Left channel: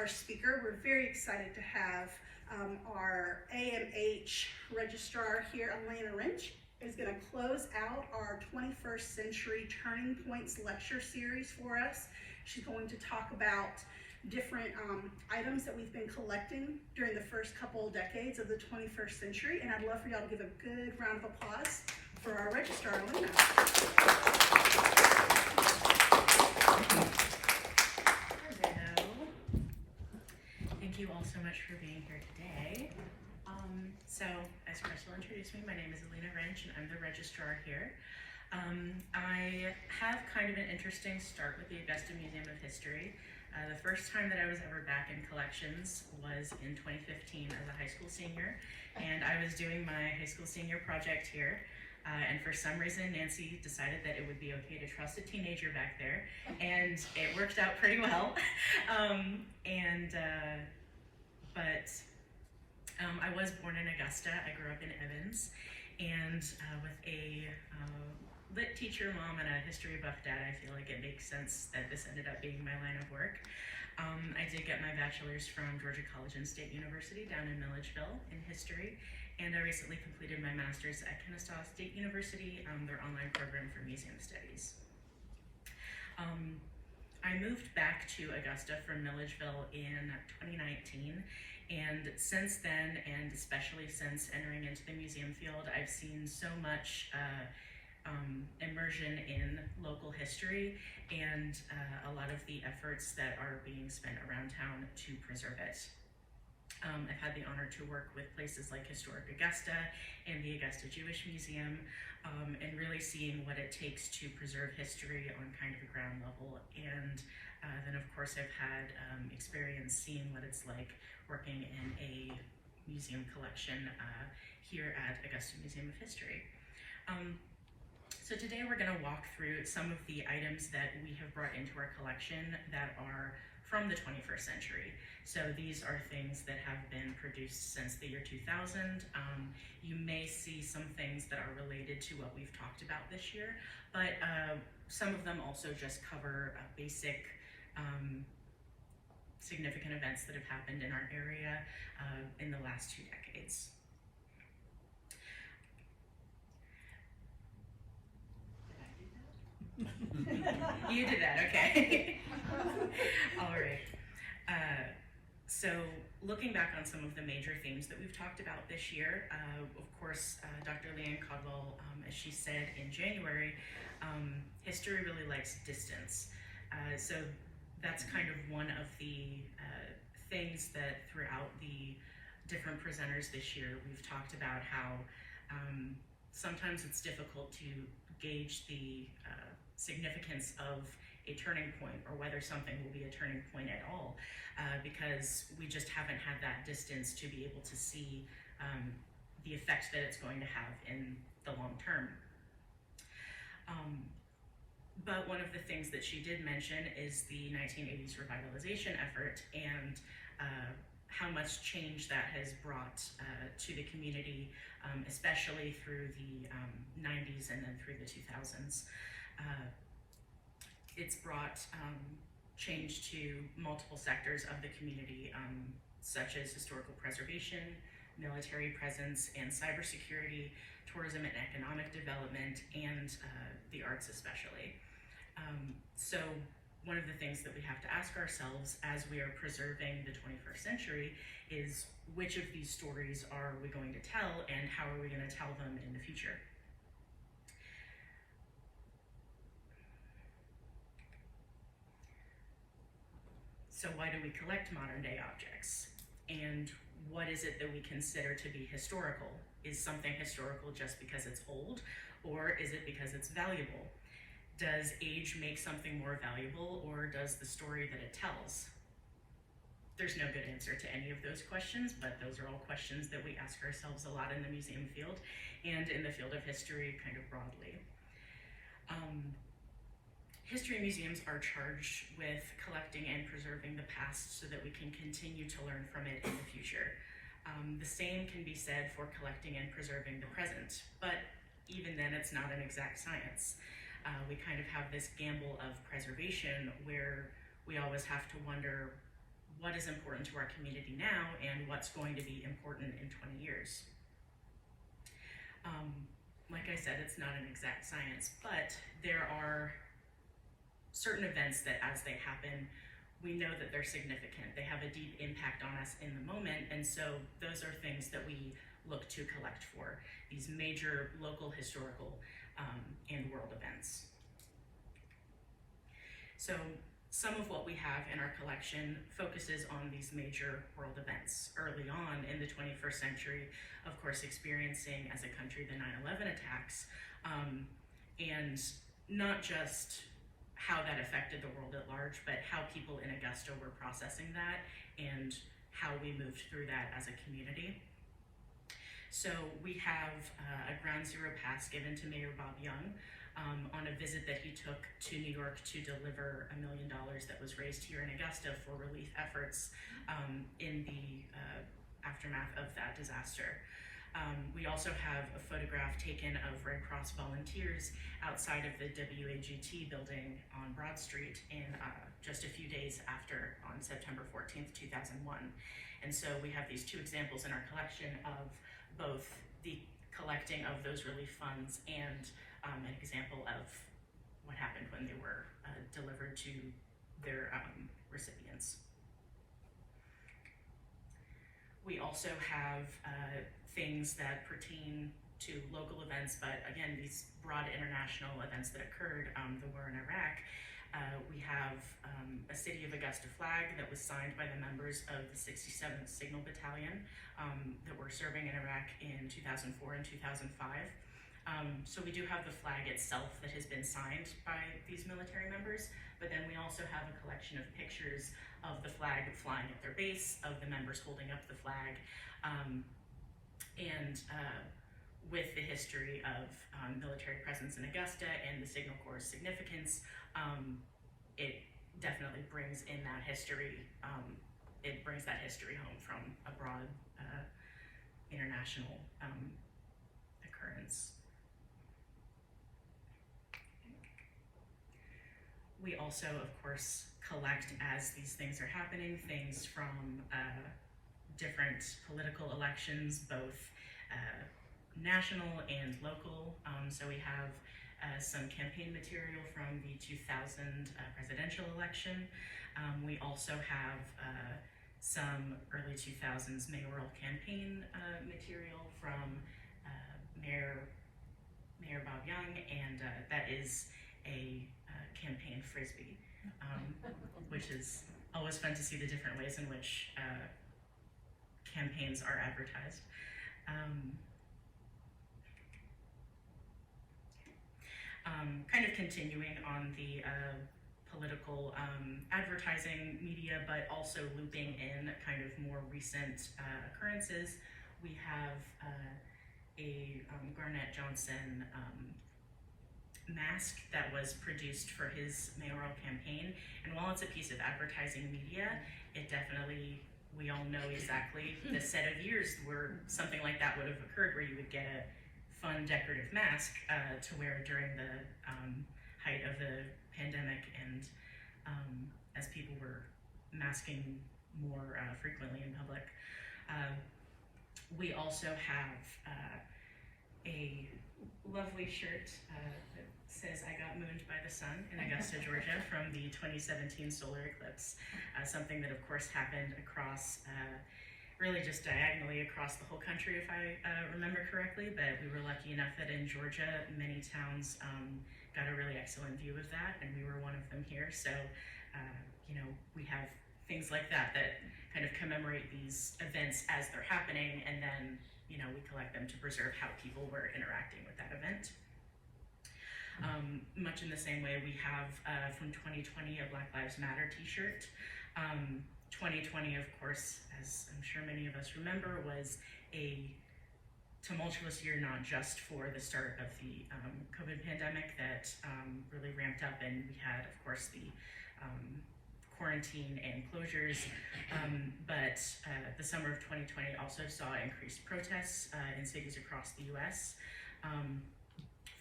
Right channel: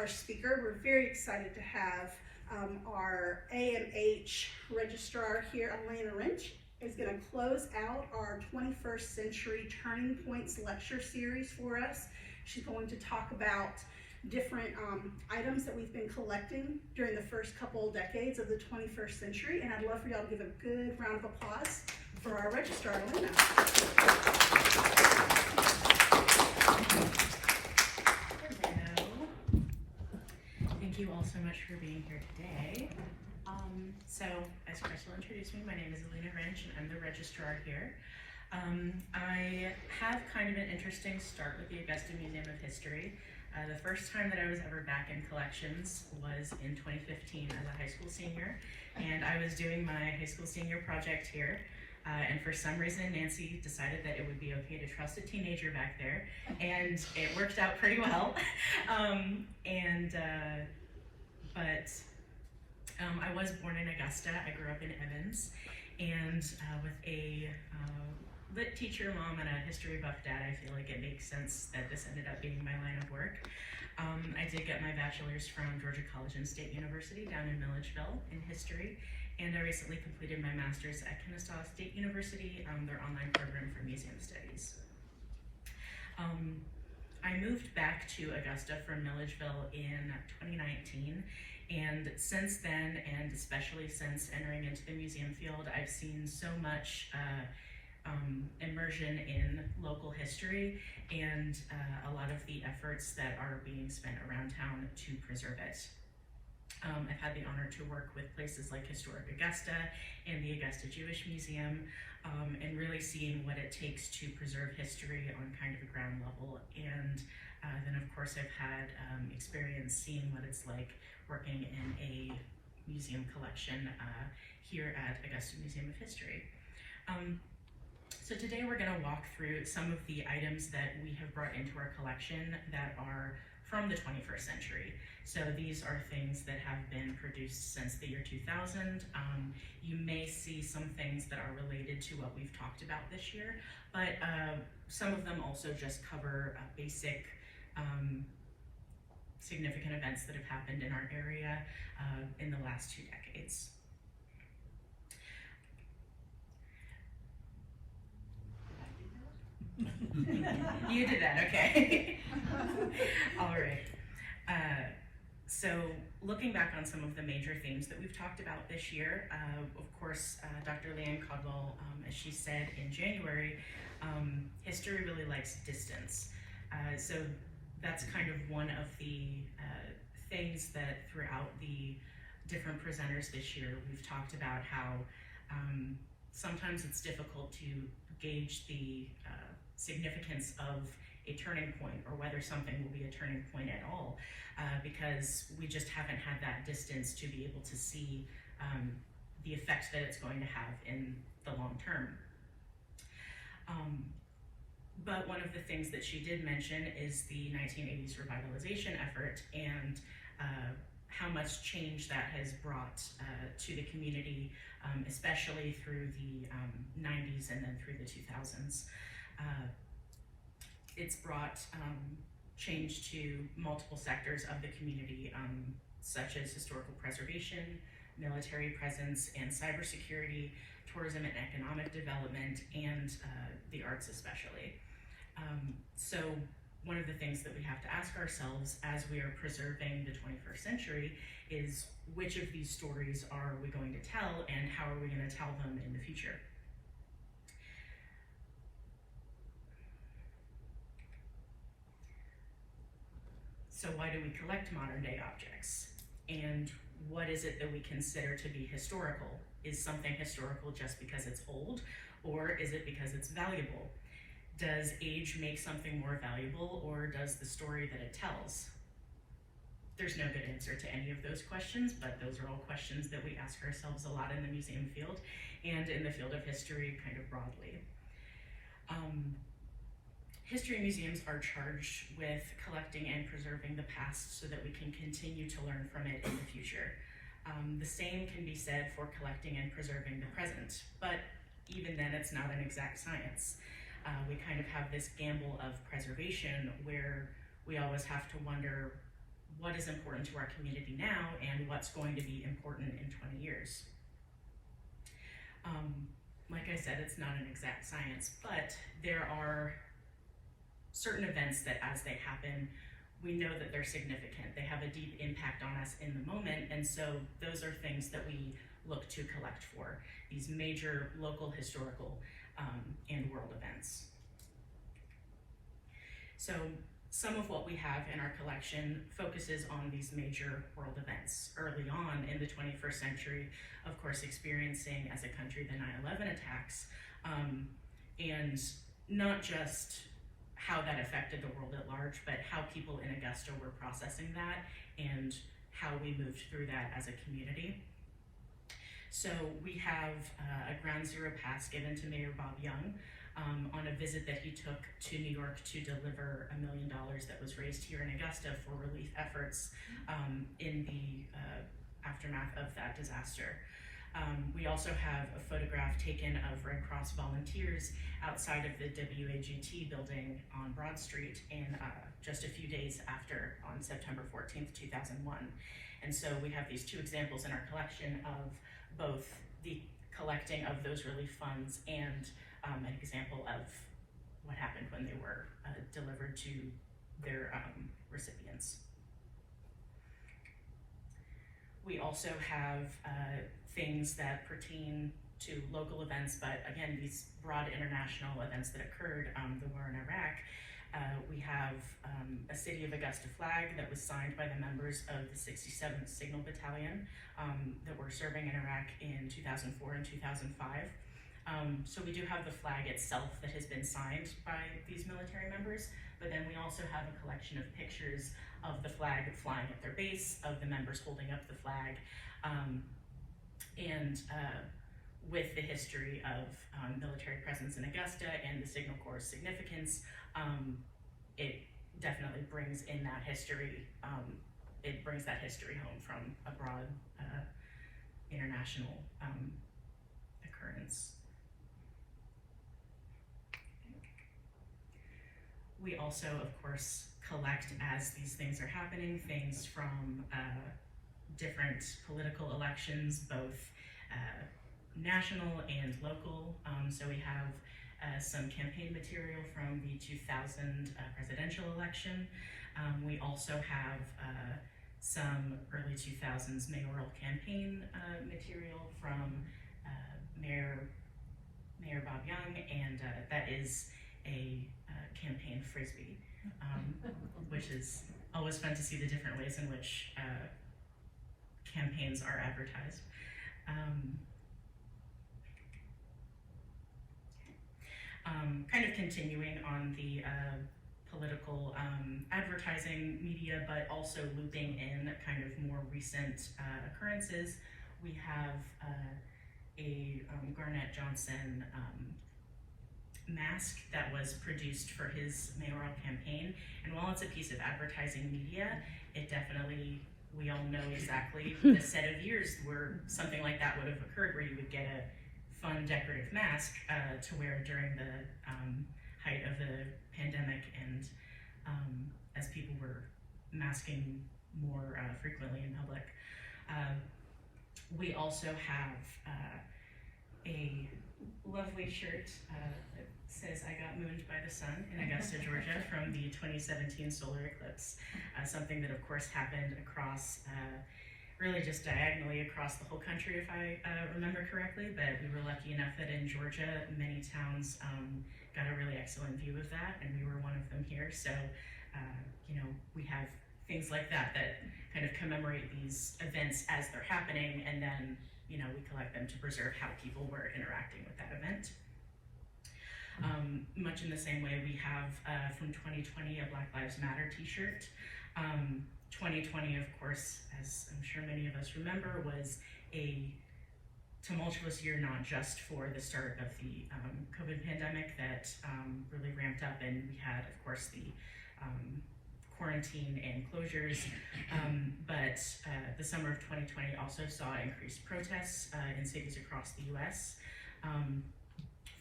our speaker. We're very excited to have our AMH Registrar here, Alena Rensch, is going to close out our 21st Century Turning Points lecture series for us. She's going to talk about different items that we've been collecting during the first couple decades of the 21st century, and I'd love for y'all to give a good round of applause for our Registrar, Alena. Hello. Thank you all so much for being here today. So, as Crystal introduced me, my name is Alena Rensch, and I'm the Registrar here. I have kind of an interesting start with the Augusta Museum of History. The first time that I was ever back in collections was in 2015 as a high school senior, and I was doing my high school senior project here. And for some reason, Nancy decided that it would be okay to trust a teenager back there, and it worked out pretty well. I was born in Augusta. I grew up in Evans, and with a lit teacher mom and a history buff dad, I feel like it makes sense that this ended up being my line of work. I did get my bachelor's from Georgia College and State University down in Milledgeville in history, and I recently completed my master's at Kennesaw State University, their online program for museum studies. I moved back to Augusta from Milledgeville in 2019, and since then, and especially since entering into the museum field, I've seen so much immersion in local history and a lot of the efforts that are being spent around town to preserve it. I've had the honor to work with places like Historic Augusta and the Augusta Jewish Museum, and really seeing what it takes to preserve history on kind of a ground level. And then of course I've had experience seeing what it's like working in a museum collection here at Augusta Museum of History. So today we're going to walk through some of the items that we have brought into our collection that are from the 21st century. So these are things that have been produced since the year 2000. You may see some things that are related to what we've talked about this year, but some of them also just cover basic significant events that have happened in our area in the last 2 decades. You did that, okay. All right. So looking back on some of the major themes that we've talked about this year, of course, Dr. Leanne Caldwell, as she said in January, history really likes distance. So that's kind of one of the things that throughout the different presenters this year, we've talked about how sometimes it's difficult to gauge the significance of a turning point, or whether something will be a turning point at all, because we just haven't had that distance to be able to see the effect that it's going to have in the long term. But one of the things that she did mention is the 1980s revitalization effort, and how much change that has brought to the community, especially through the 90s and then through the 2000s. It's brought change to multiple sectors of the community, such as historical preservation, military presence, and cybersecurity, tourism and economic development, and the arts especially. So one of the things that we have to ask ourselves as we are preserving the 21st century is, which of these stories are we going to tell, and how are we going to tell them in the future? So why do we collect modern day objects? And what is it that we consider to be historical? Is something historical just because it's old, or is it because it's valuable? Does age make something more valuable, or does the story that it tells? There's no good answer to any of those questions, but those are all questions that we ask ourselves a lot in the museum field and in the field of history kind of broadly. History museums are charged with collecting and preserving the past so that we can continue to learn from it in the future. The same can be said for collecting and preserving the present, but even then it's not an exact science. We kind of have this gamble of preservation where we always have to wonder, what is important to our community now and what's going to be important in 20 years. Like I said, it's not an exact science, but there are certain events that as they happen, we know that they're significant. They have a deep impact on us in the moment, and so those are things that we look to collect for, these major local, historical, and world events. So some of what we have in our collection focuses on these major world events. Early on in the 21st century, of course, experiencing as a country the 9/11 attacks, and not just how that affected the world at large, but how people in Augusta were processing that and how we moved through that as a community. So we have a ground zero pass given to Mayor Bob Young on a visit that he took to New York to deliver $1 million that was raised here in Augusta for relief efforts in the aftermath of that disaster. We also have a photograph taken of Red Cross volunteers outside of the WAGT building on Broad Street in just a few days after, on September 14th, 2001. And so we have these two examples in our collection of both the collecting of those relief funds and an example of what happened when they were delivered to their recipients. We also have things that pertain to local events, but again, these broad international events that occurred, the war in Iraq. We have a City of Augusta flag that was signed by the members of the 67th Signal Battalion that were serving in Iraq in 2004 and 2005. So we do have the flag itself that has been signed by these military members, but then we also have a collection of pictures of the flag flying at their base, of the members holding up the flag, and with the history of military presence in Augusta and the Signal Corps' significance, it definitely brings in that history, it brings that history home from a broad international occurrence. We also, of course, collect as these things are happening, things from different political elections, both national and local. So we have some campaign material from the 2000 presidential election. We also have some early 2000s mayoral campaign material from Mayor Bob Young, and that is a campaign frisbee, which is always fun to see the different ways in which campaigns are advertised. Kind of continuing on the political advertising media, but also looping in kind of more recent occurrences, we have a Garnett Johnson mask that was produced for his mayoral campaign. And while it's a piece of advertising media, it definitely, we all know exactly the set of years where something like that would have occurred, where you would get a fun decorative mask to wear during the height of the pandemic, and as people were masking more frequently in public. We also have a lovely shirt that says "I got mooned by the sun" in Augusta, Georgia, from the 2017 solar eclipse. Something that, of course, happened across, really just diagonally across the whole country, if I remember correctly, but we were lucky enough that in Georgia, many towns got a really excellent view of that, and we were one of them here. So, you know, we have things like that that kind of commemorate these events as they're happening, and then, you know, we collect them to preserve how people were interacting with that event. Much in the same way, we have from 2020 a Black Lives Matter t-shirt. 2020, of course, as I'm sure many of us remember, was a tumultuous year, not just for the start of the COVID pandemic that really ramped up, and we had, of course, the quarantine and closures, but the summer of 2020 also saw increased protests in cities across the US.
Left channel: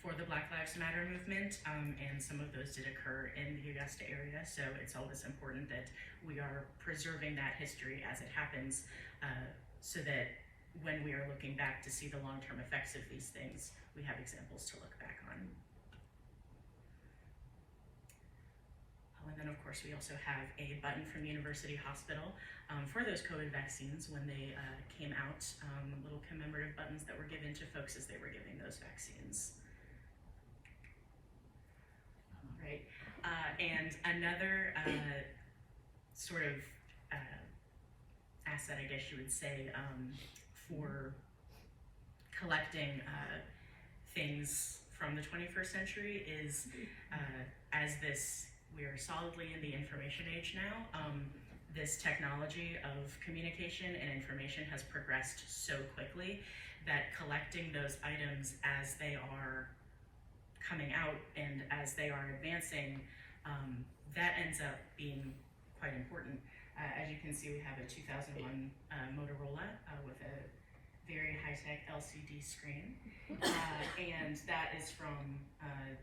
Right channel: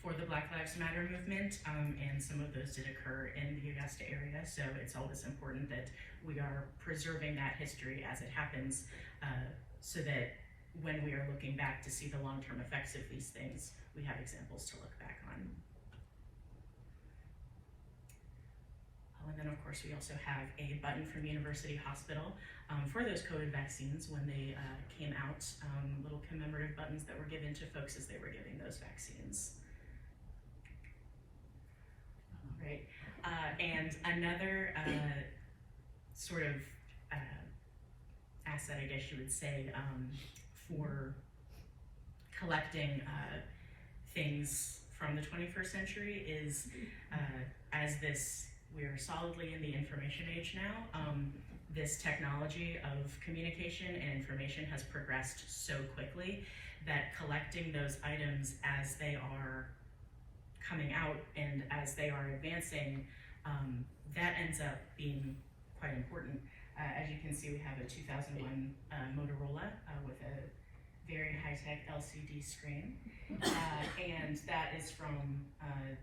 for the Black Lives Matter movement, and some of those did occur in the Augusta area, so it's always important that we are preserving that history as it happens, so that when we are looking back to see the long-term effects of these things, we have examples to look back on. And then of course we also have a button from University Hospital for those COVID vaccines when they came out, little commemorative buttons that were given to folks as they were giving those vaccines. All right, and another sort of asset, I guess you would say, for collecting things from the 21st century is, we are solidly in the information age now. This technology of communication and information has progressed so quickly that collecting those items as they are coming out and as they are advancing, that ends up being quite important. As you can see, we have a 2001 Motorola with a very high-tech LCD screen, and that is from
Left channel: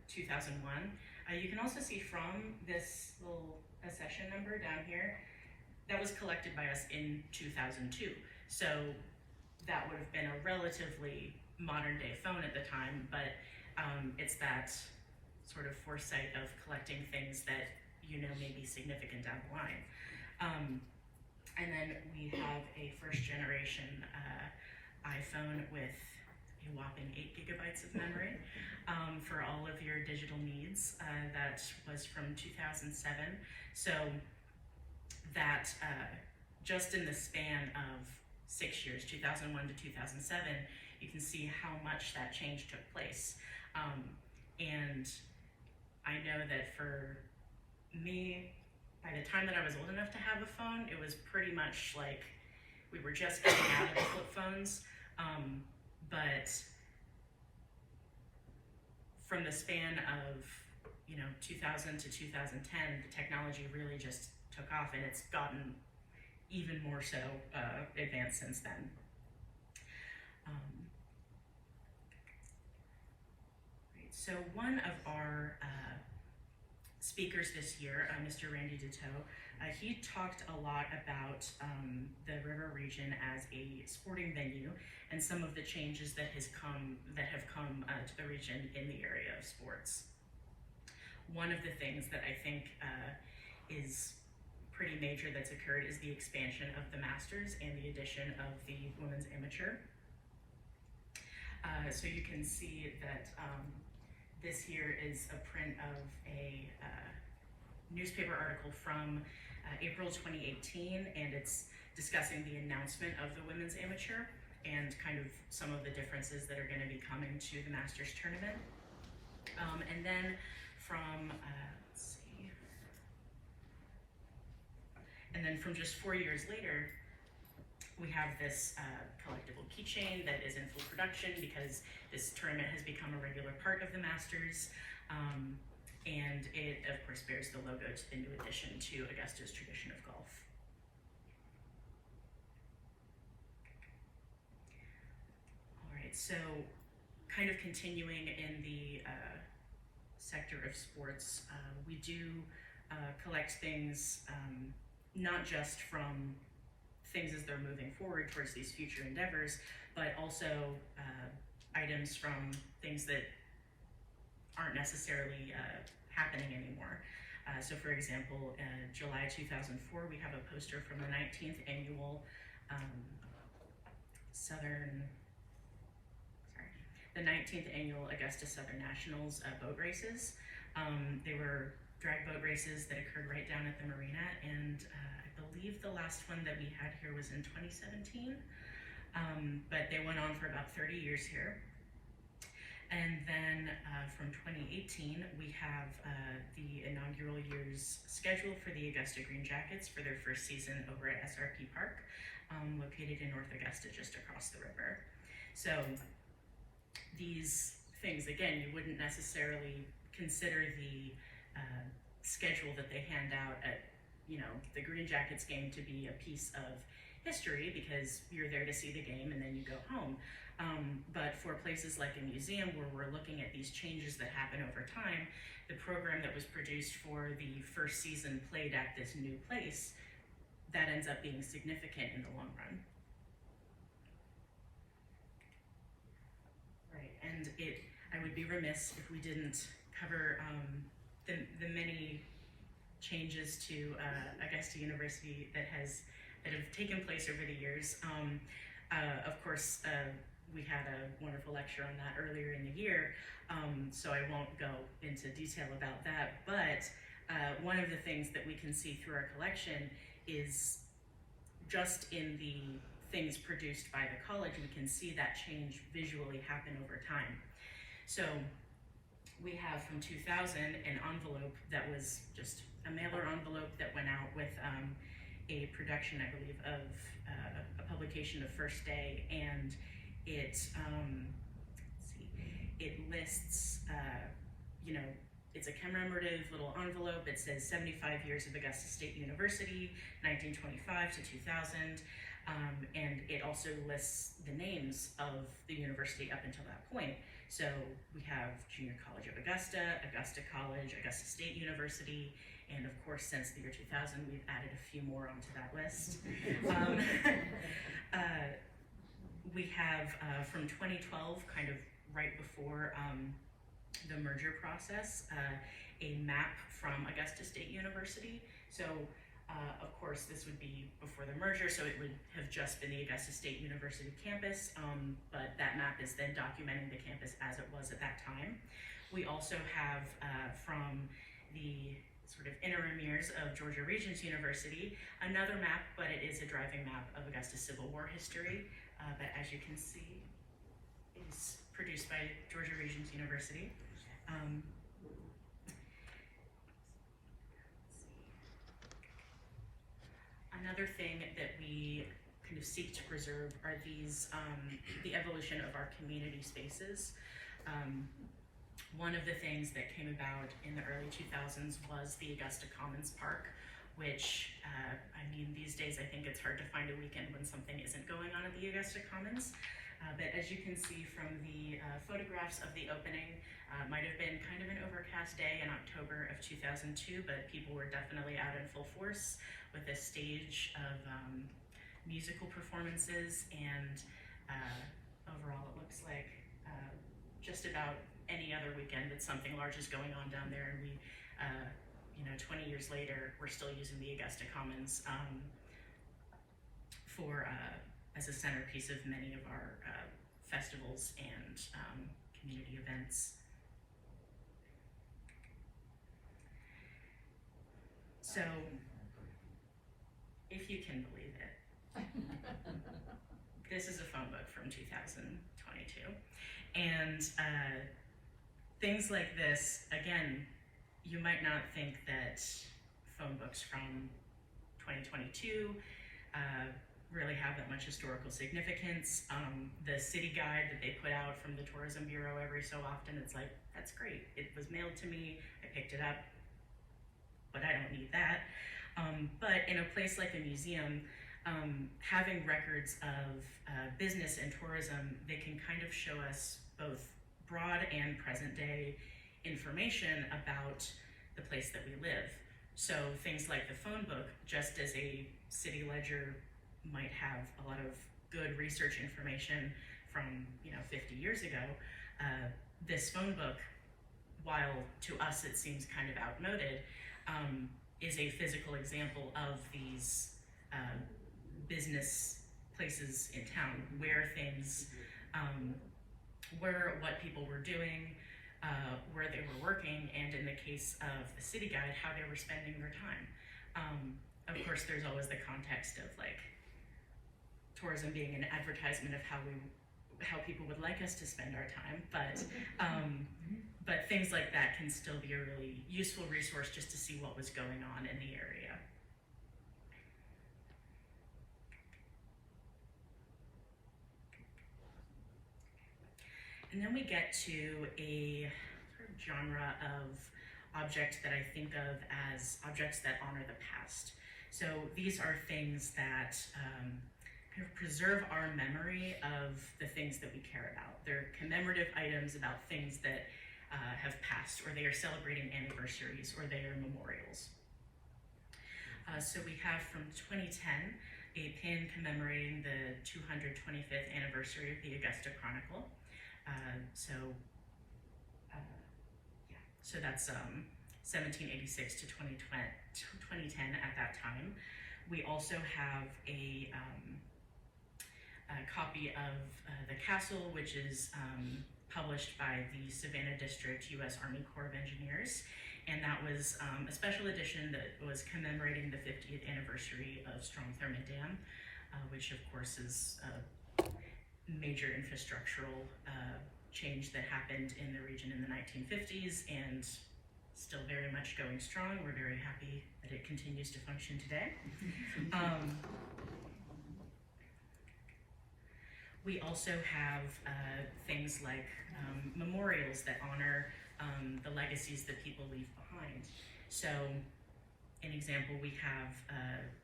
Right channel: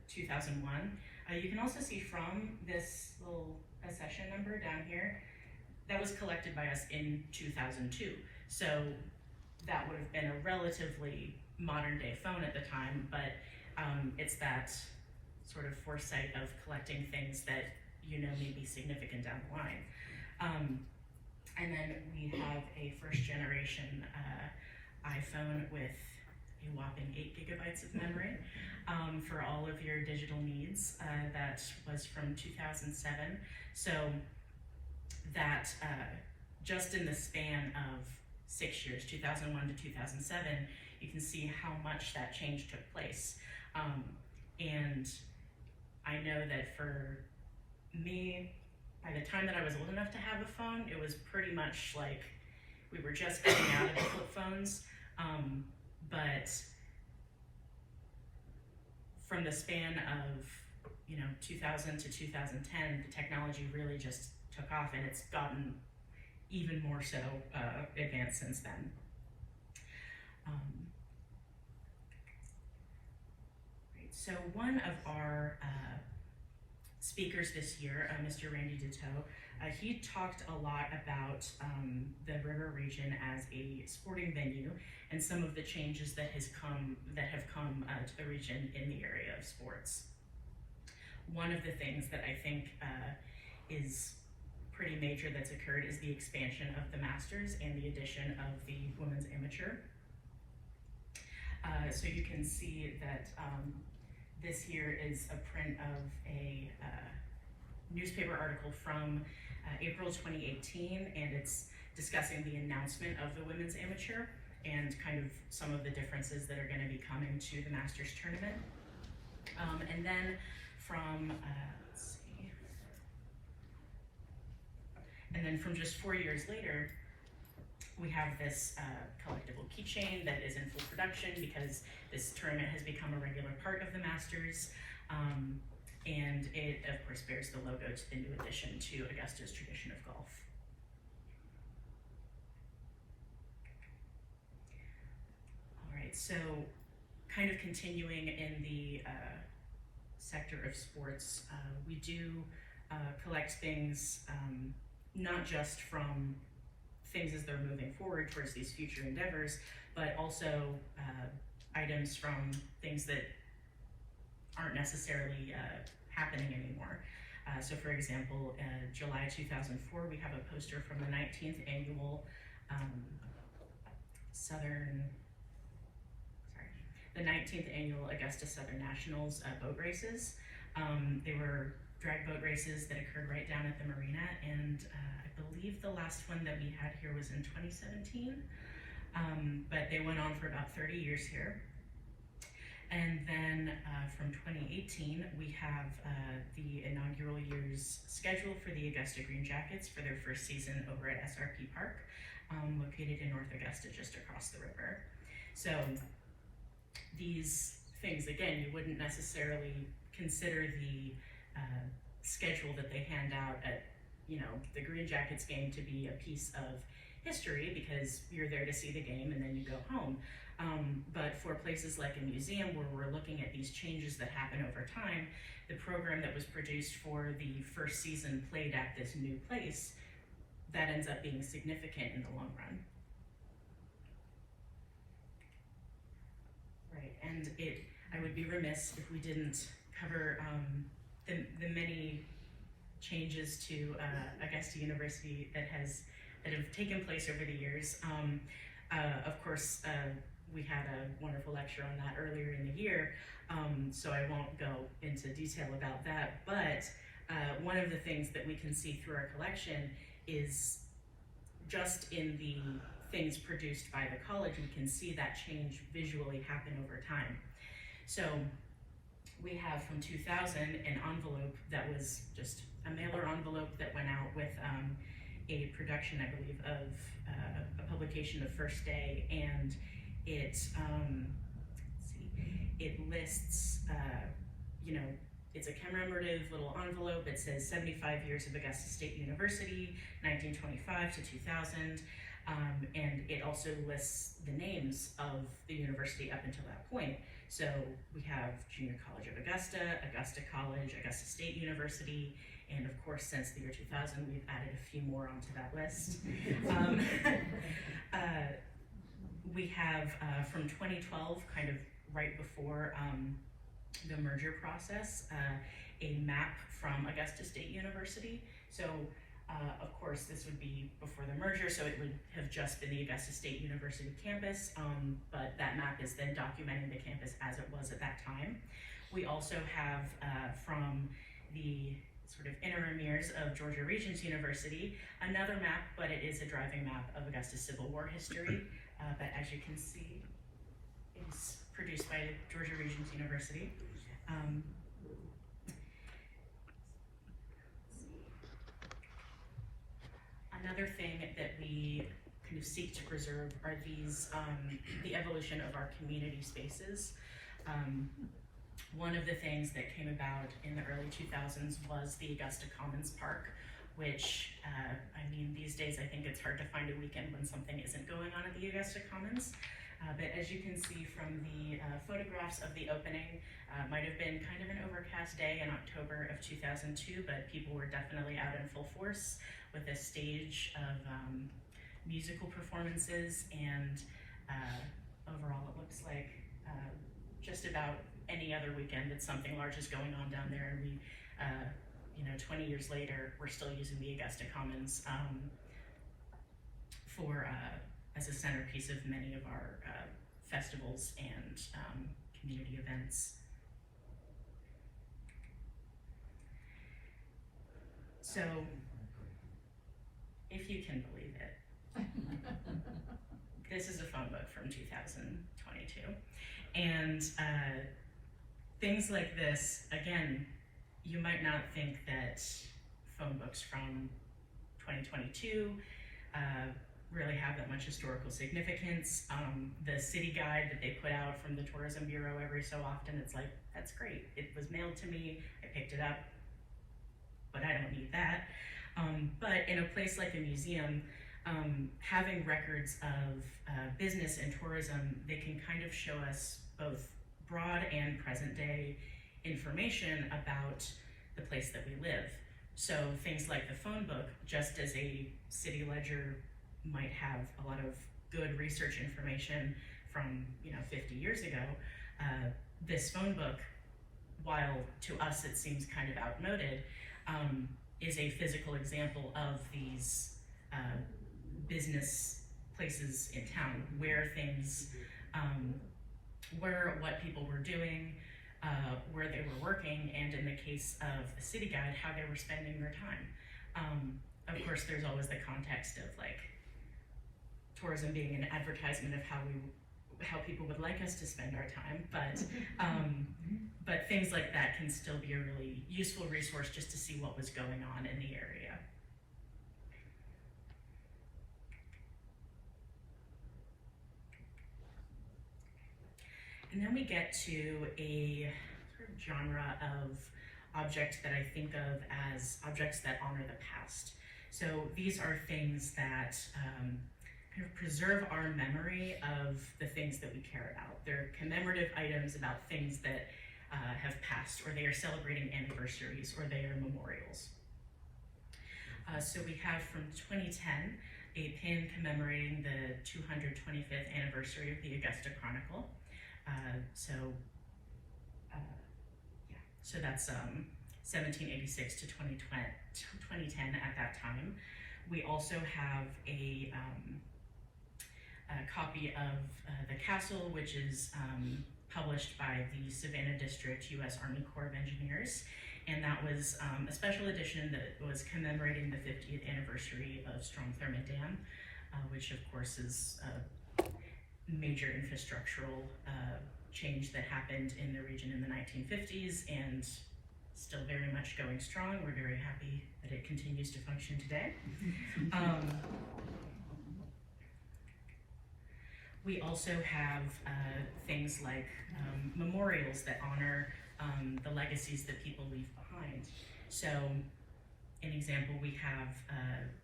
2001. You can also see from this little accession number down here, that was collected by us in 2002. So that would have been a relatively modern day phone at the time, but it's that sort of foresight of collecting things that you know may be significant down the line. And then we have a first generation iPhone with a whopping 8 gigabytes of memory for all of your digital needs. That was from 2007. So that just in the span of 6 years, 2001 to 2007, you can see how much that change took place. And I know that for me, by the time that I was old enough to have a phone, it was pretty much like we were just getting out of the flip phones. But from the span of 2000 to 2010, the technology really just took off, and it's gotten even more so advanced since then. So one of our speakers this year, Mr. Randy Ditto, he talked a lot about the river region as a sporting venue and some of the changes that have come to the region in the area of sports. One of the things that I think is pretty major that's occurred is the expansion of the Masters and the addition of the women's amateur. So you can see that this here is a print of a newspaper article from April 2018, and it's discussing the announcement of the women's amateur and kind of some of the differences that are going to be coming to the Masters tournament. And then from, let's see, and then from just 4 years later, we have this collectible keychain that is in full production because this tournament has become a regular part of the Masters. And it, of course, bears the logo to the new addition to Augusta's tradition of golf. All right, so kind of continuing in the sector of sports, we do collect things not just from things as they're moving forward towards these future endeavors, but also items from things that aren't necessarily happening anymore. So for example, July 2004, we have a poster from the 19th annual the 19th annual Augusta Southern Nationals boat races. They were drag boat races that occurred right down at the marina, and I believe the last one that we had here was in 2017, but they went on for about 30 years here. And then from 2018, we have the inaugural year's schedule for the Augusta Green Jackets for their first season over at SRP Park, located in North Augusta, just across the river. So these things, again, you wouldn't necessarily consider the schedule that they hand out at, the Green Jackets game to be a piece of history because you're there to see the game and then you go home. But for places like a museum where we're looking at these changes that happen over time, the program that was produced for the first season played at this new place, that ends up being significant in the long run. Right, and I would be remiss if we didn't cover the many changes to Augusta University that have taken place over the years. Of course, we had a wonderful lecture on that earlier in the year, so I won't go into detail about that, but one of the things that we can see through our collection is just in the things produced by the college, we can see that change visually happen over time. So we have from 2000 an envelope that was just a mailer envelope that went out with a production, I believe, of a publication of First Day, and it it lists, it's a commemorative little envelope. It says 75 years of Augusta State University, 1925 to 2000, and it also lists the names of the university up until that point. So we have Junior College of Augusta, Augusta College, Augusta State University, and of course, since the year 2000, we've added a few more onto that list. We have from 2012, kind of right before the merger process, a map from Augusta State University. So of course, this would be before the merger, so it would have just been the Augusta State University campus, but that map is then documenting the campus as it was at that time. We also have from the sort of interim years of Georgia Regents University, another map, but it is a driving map of Augusta Civil War history, that as you can see is produced by Georgia Regents University. Another thing that we kind of seek to preserve are these, the evolution of our community spaces. One of the things that came about in the early 2000s was the Augusta Commons Park, which, these days I think it's hard to find a weekend when something isn't going on at the Augusta Commons. But as you can see from the photographs of the opening, might have been kind of an overcast day in October of 2002, but people were definitely out in full force with a stage of musical performances, and overall it looks like just about any other weekend that something large is going on down there, and we, 20 years later, we're still using the Augusta Commons for as a centerpiece of many of our festivals and community events. So, if you can believe it, this is a phone book from 2022. And things like this, again, you might not think that phone books from 2022 really have that much historical significance. The city guide that they put out from the Tourism Bureau every so often, it's like, that's great. It was mailed to me, I picked it up, but I don't need that. But in a place like a museum, having records of business and tourism, they can kind of show us both broad and present day information about the place that we live. So things like the phone book, just as a city ledger might have a lot of good research information from 50 years ago, this phone book, while to us it seems kind of outmoded, is a physical example of these business places in town, where things, what people were doing, where they were working, and in the case of a city guide, how they were spending their time. Of course, there's always the context of like tourism being an advertisement of how people would like us to spend our time, but things like that can still be a really useful resource just to see what was going on in the area. And then we get to a sort of genre of object that I think of as objects that honor the past. So these are things that preserve our memory of the things that we care about. They're commemorative items about things that have passed, or they are celebrating anniversaries, or they are memorials. So we have from 2010 a pin commemorating the 225th anniversary of the Augusta Chronicle. So that's 1786 to 2010 at that time. We also have a copy of the castle, which is published by the Savannah District U.S. Army Corps of Engineers. And that was a special edition that was commemorating the 50th anniversary of Strong Thurmond Dam, which of course is a major infrastructural change that happened in the region in the 1950s and still very much going strong. We're very happy that it continues to function today. We also have things like memorials that honor the legacies that people leave behind. So, an example, we have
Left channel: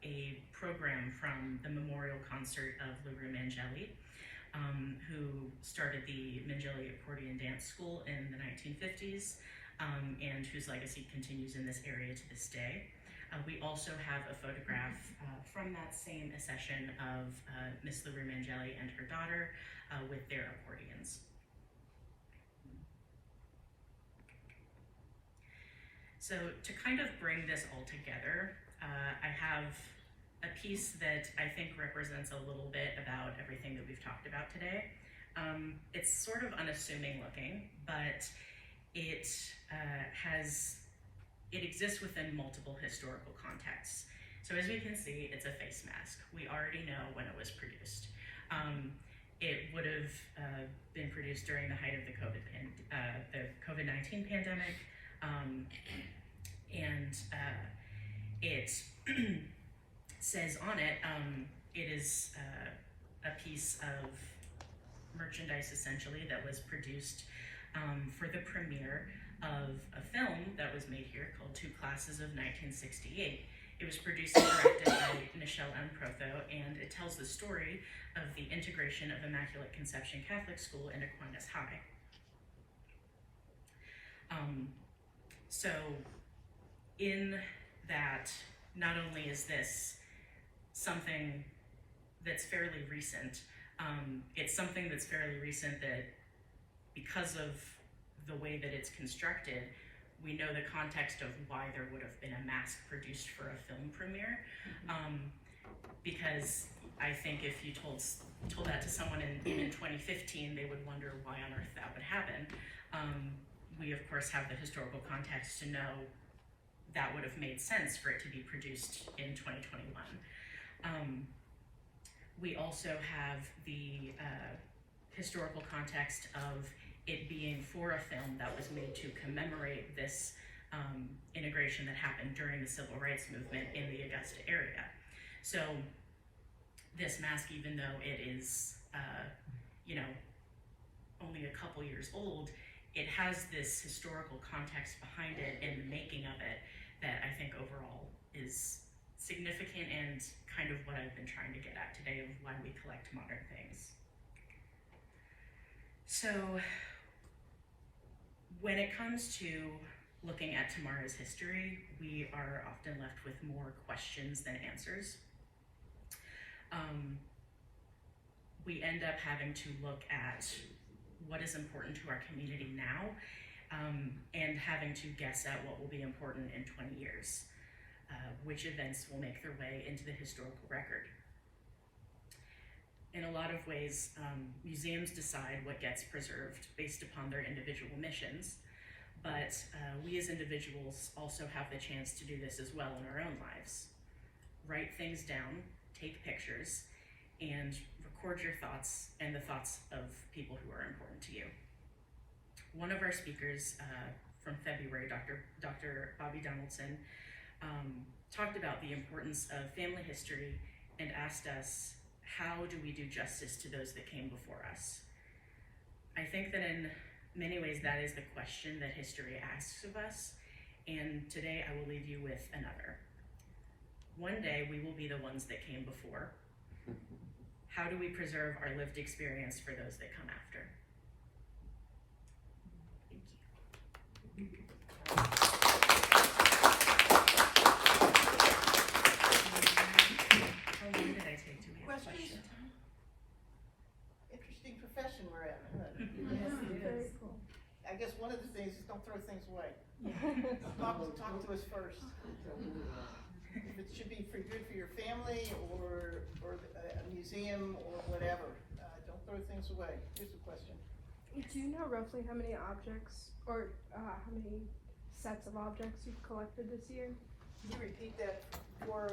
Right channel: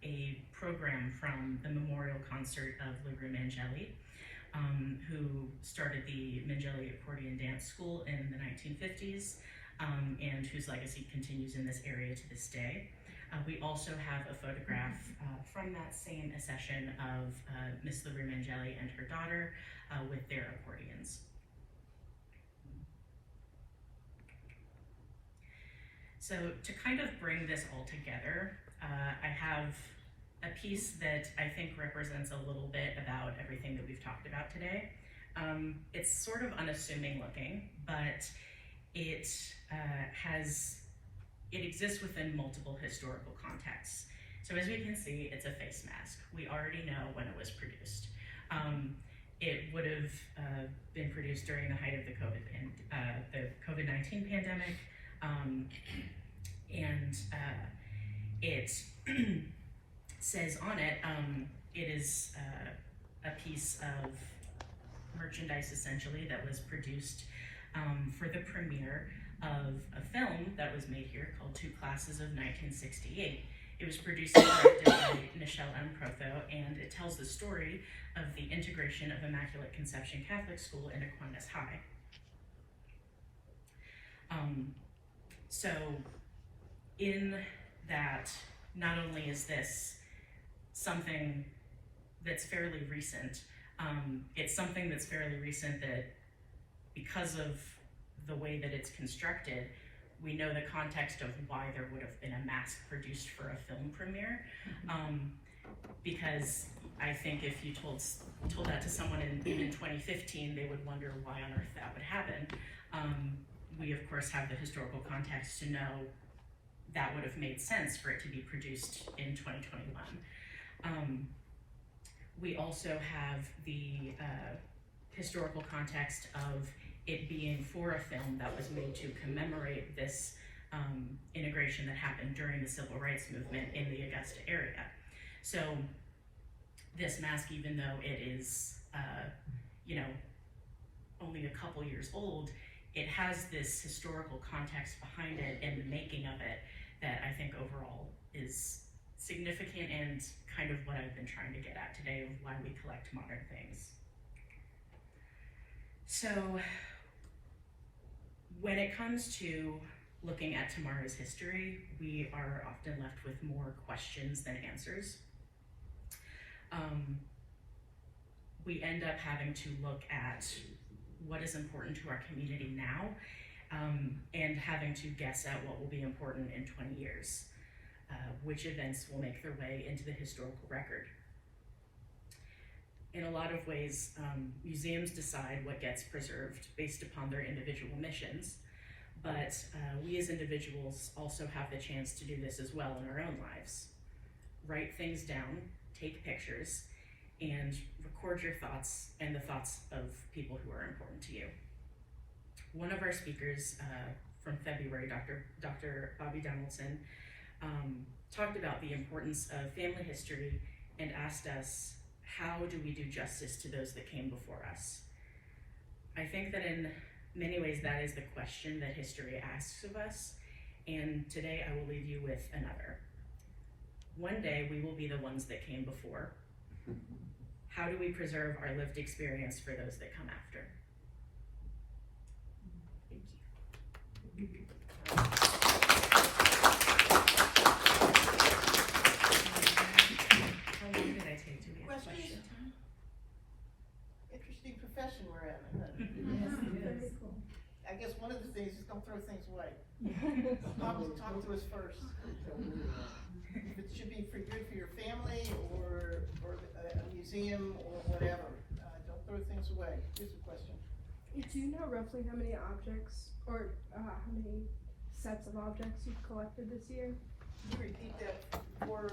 a program from the memorial concert of LaRue Mangeli, who started the Mangeli Accordion Dance School in the 1950s, and whose legacy continues in this area to this day. We also have a photograph from that same accession of Miss LaRue Mangeli and her daughter with their accordions. So to kind of bring this all together, I have a piece that I think represents a little bit about everything that we've talked about today. It's sort of unassuming looking, but it exists within multiple historical contexts. So as we can see, it's a face mask. We already know when it was produced. It would have been produced during the height of the COVID-19 pandemic, and it says on it, it is a piece of merchandise essentially that was produced for the premiere of a film that was made here called Two Classes of 1968. It was produced and directed by Michelle M. Protho, and it tells the story of the integration of Immaculate Conception Catholic School into Aquinas High. So in that, not only is this something that's fairly recent, it's something that's fairly recent that because of the way that it's constructed, we know the context of why there would have been a mask produced for a film premiere. Because I think if you told that to someone in 2015, they would wonder why on earth that would happen. We of course have the historical context to know that would have made sense for it to be produced in 2021. We also have the historical context of it being for a film that was made to commemorate this integration that happened during the civil rights movement in the Augusta area. So this mask, even though it is, only a couple years old, it has this historical context behind it and the making of it that I think overall is significant and kind of what I've been trying to get at today of why we collect modern things. So when it comes to looking at tomorrow's history, we are often left with more questions than answers. We end up having to look at what is important to our community now, and having to guess at what will be important in 20 years. Which events will make their way into the historical record. In a lot of ways, museums decide what gets preserved based upon their individual missions, but we as individuals also have the chance to do this as well in our own lives. Write things down, take pictures, and record your thoughts and the thoughts of people who are important to you. One of our speakers from February, Dr. Bobby Donaldson, talked about the importance of family history and asked us, how do we do justice to those that came before us? I think that in many ways that is the question that history asks of us, and today I will leave you with another. One day we will be the ones that came before. how do we preserve our lived experience for those that come after? Thank you. How long did I take? Do we have question time? Interesting profession we're in. I guess one of the things is don't throw things away. Talk to us first. If it should be for good for your family or a museum or whatever, don't throw things away. Here's a question. Do you know roughly how many objects or how many sets of objects you've collected this year? Can you repeat that for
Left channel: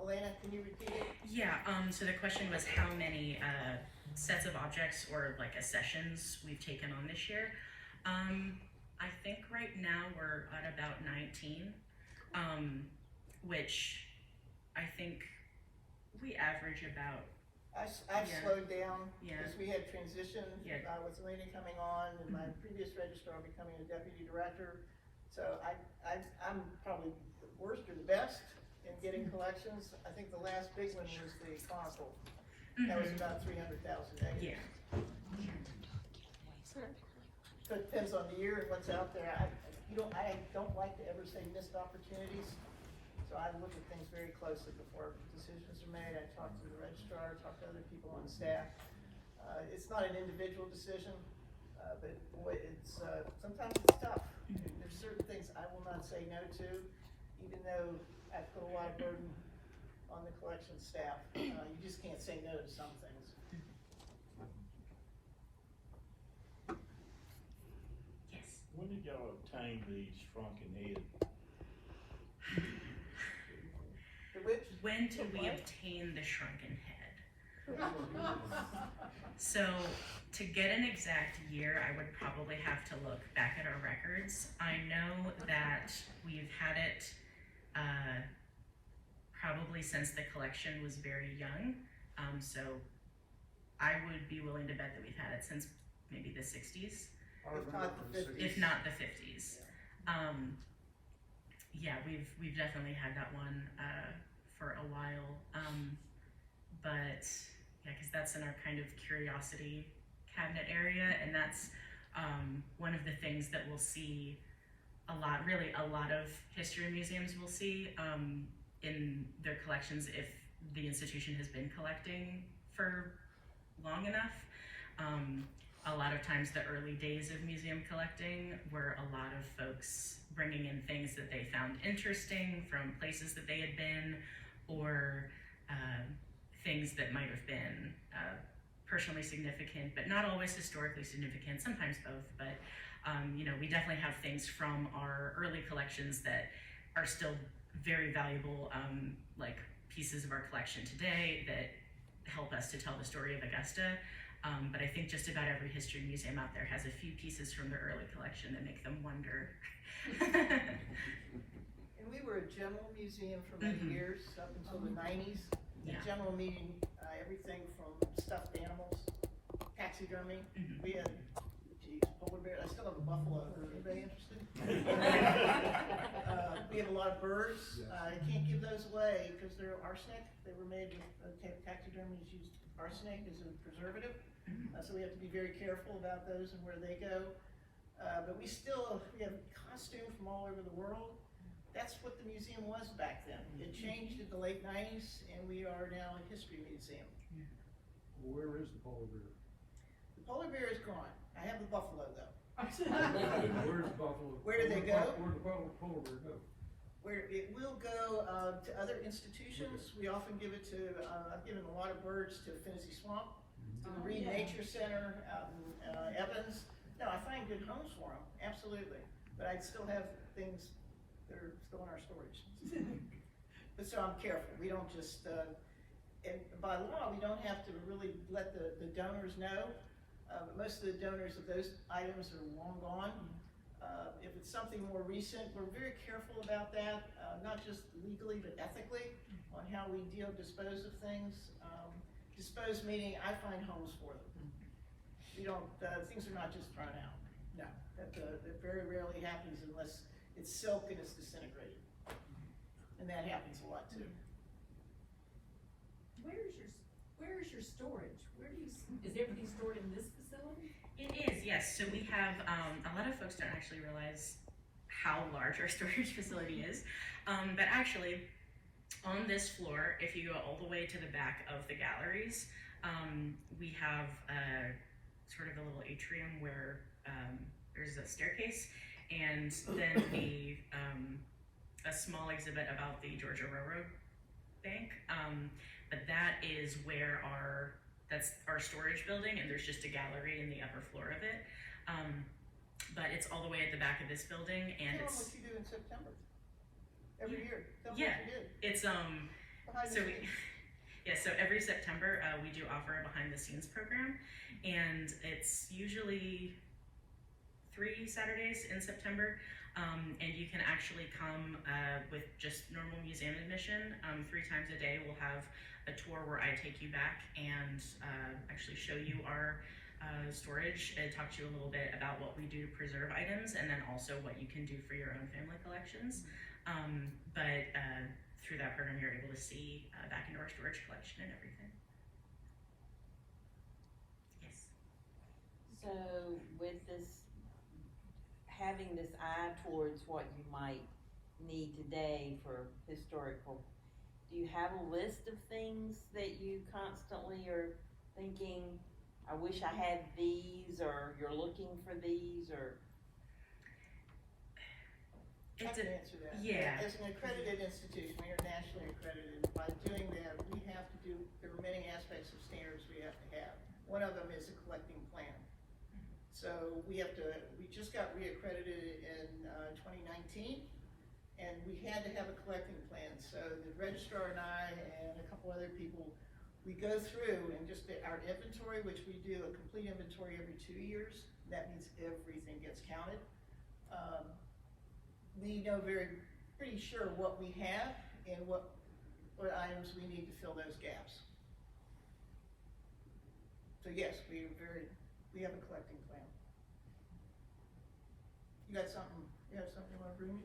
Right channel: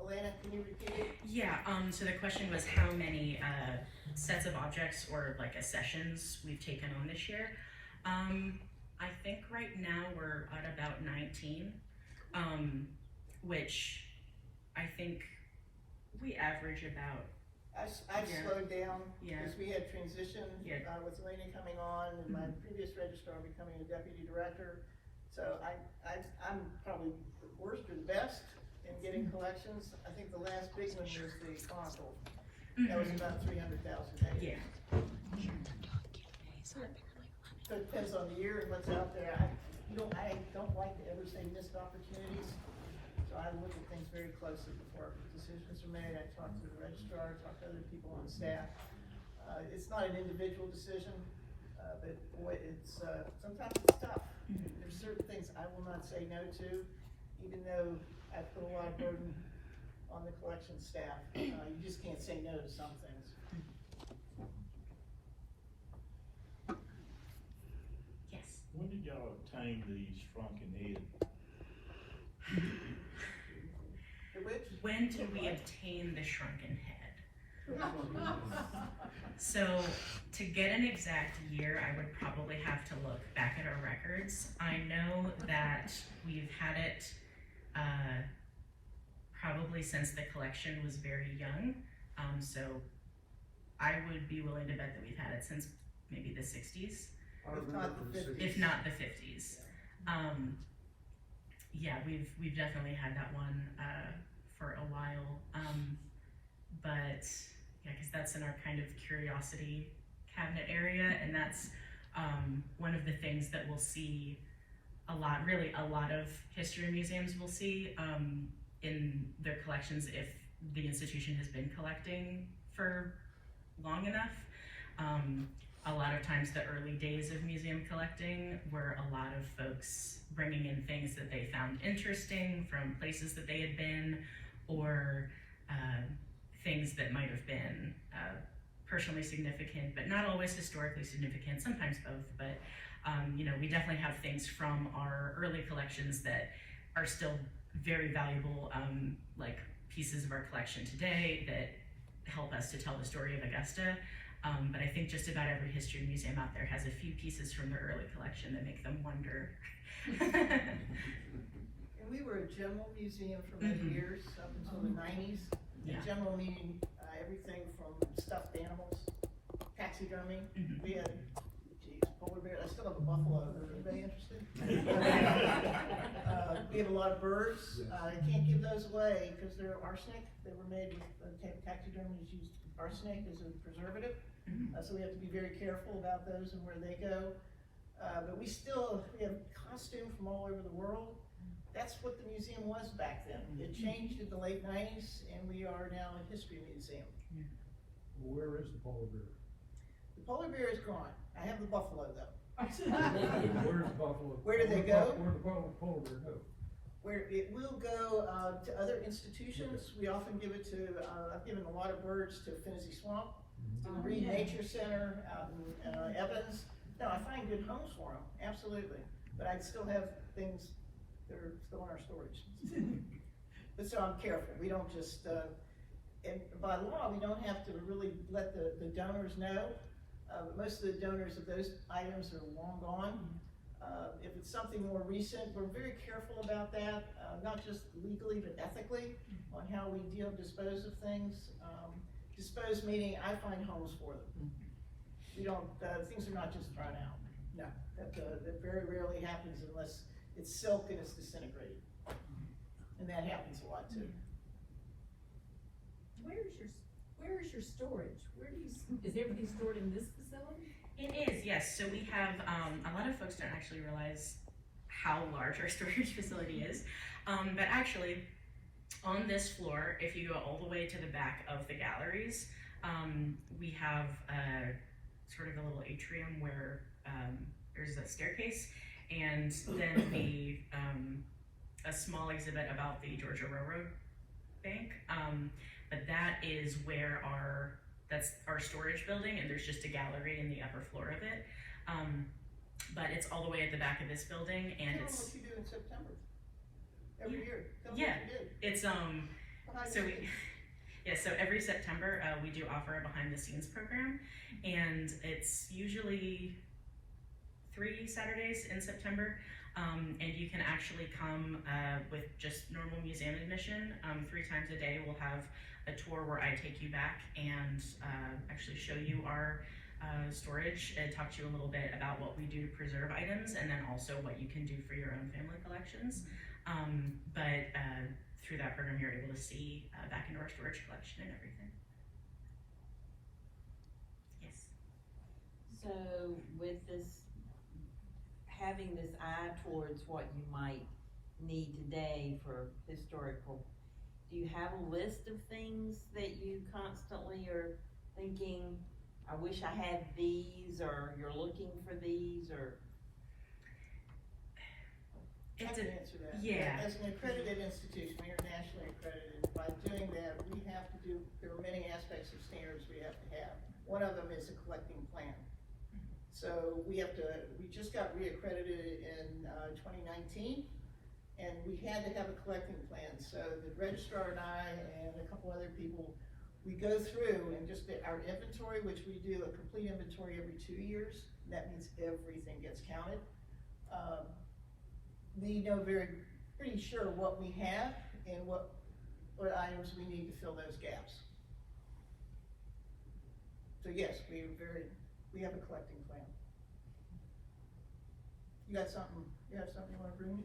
Alena? Can you repeat it? Yeah, so the question was how many sets of objects or like accessions we've taken on this year. I think right now we're at about 19, which I think we average about. I've slowed down Yeah. because we had transition Yeah. with Alena coming on and my previous registrar becoming a deputy director. So I'm probably the worst or the best in getting collections. I think the last big one was the Chronicle. That was about 300,000. Yeah. So it depends on the year and what's out there. I don't like to ever say missed opportunities. So I look at things very closely before decisions are made. I talk to the registrar, talk to other people on staff. It's not an individual decision, but boy, it's sometimes it's tough. There's certain things I will not say no to, even though I put a lot of burden on the collection staff. You just can't say no to some things. Yes. When did y'all obtain the shrunken head? When did we obtain the shrunken head? So to get an exact year, I would probably have to look back at our records. I know that we've had it probably since the collection was very young. So I would be willing to bet that we've had it since maybe the 60s, if not the 50s. Yeah, we've definitely had that one for a while. But yeah, because that's in our kind of curiosity cabinet area, and that's one of the things that we'll see a lot of history museums will see in their collections if the institution has been collecting for long enough. A lot of times the early days of museum collecting were a lot of folks bringing in things that they found interesting from places that they had been, or things that might have been personally significant, but not always historically significant, sometimes both. But you know, we definitely have things from our early collections that are still very valuable, like pieces of our collection today that help us to tell the story of Augusta. But I think just about every history museum out there has a few pieces from the early collection that make them wonder. And we were a general museum for many years, up until the 90s. Yeah. General meaning everything from stuffed animals, taxidermy. We had, polar bear. I still have a buffalo. Anybody interested? We have a lot of birds. I can't give those away because they're arsenic. They were made with taxidermy is used arsenic as a preservative. So we have to be very careful about those and where they go. But we have costume from all over the world. That's what the museum was back then. It changed in the late 90s, and we are now a history museum. Where is the polar bear? The polar bear is gone. I have the buffalo though. Where's the buffalo? Where do they go? Where the polar bear go? Where it will go to other institutions. We often give it to, I've given a lot of birds to Finney Swamp, to the Reed Nature Center out in Evans. No, I find good homes for them, absolutely. But I'd still have things that are still in our storage. But so I'm careful. We don't just, and by law, we don't have to really let the donors know. But most of the donors of those items are long gone. If it's something more recent, we're very careful about that, not just legally, but ethically, on how we dispose of things. Dispose meaning I find homes for them. We don't, things are not just thrown out. No, that very rarely happens unless it's silk and it's disintegrated. And that happens a lot too. where is your storage? Is everything stored in this facility? It is, yes. So we have, a lot of folks don't actually realize how large our storage facility is. But actually, on this floor, if you go all the way to the back of the galleries, we have sort of a little atrium where there's a staircase, and then a small exhibit about the Georgia Railroad Bank. But that is where that's our storage building, and there's just a gallery in the upper floor of it. But it's all the way at the back of this building, and Tell them it's, what you do in September. Every year. Tell them Yeah. what you did. it's, Behind so the we, scenes. yeah, so every September, we do offer a behind the scenes program, and it's usually 3 Saturdays in September. And you can actually come with just normal museum admission. 3 times a day we'll have a tour where I take you back and actually show you our storage and talk to you a little bit about what we do to preserve items, and then also what you can do for your own family collections. But through that program you're able to see back into our storage collection and everything. Yes. So with this, having this eye towards what you might need today for historical, do you have a list of things that you constantly are thinking, I wish I had these, or you're looking for these, or? I can answer that. Yeah. As an accredited institution, we are nationally accredited. By doing that, we have to do, there are many aspects of standards we have to have. One of them is a collecting plan. So we just got reaccredited in 2019, and we had to have a collecting plan. So the registrar and I and a couple other people, we go through and just our inventory, which we do a complete inventory every 2 years. That means everything gets counted. We know pretty sure what we have and what items we need to fill those gaps. So yes, we have a collecting plan. You have something you wanna bring me?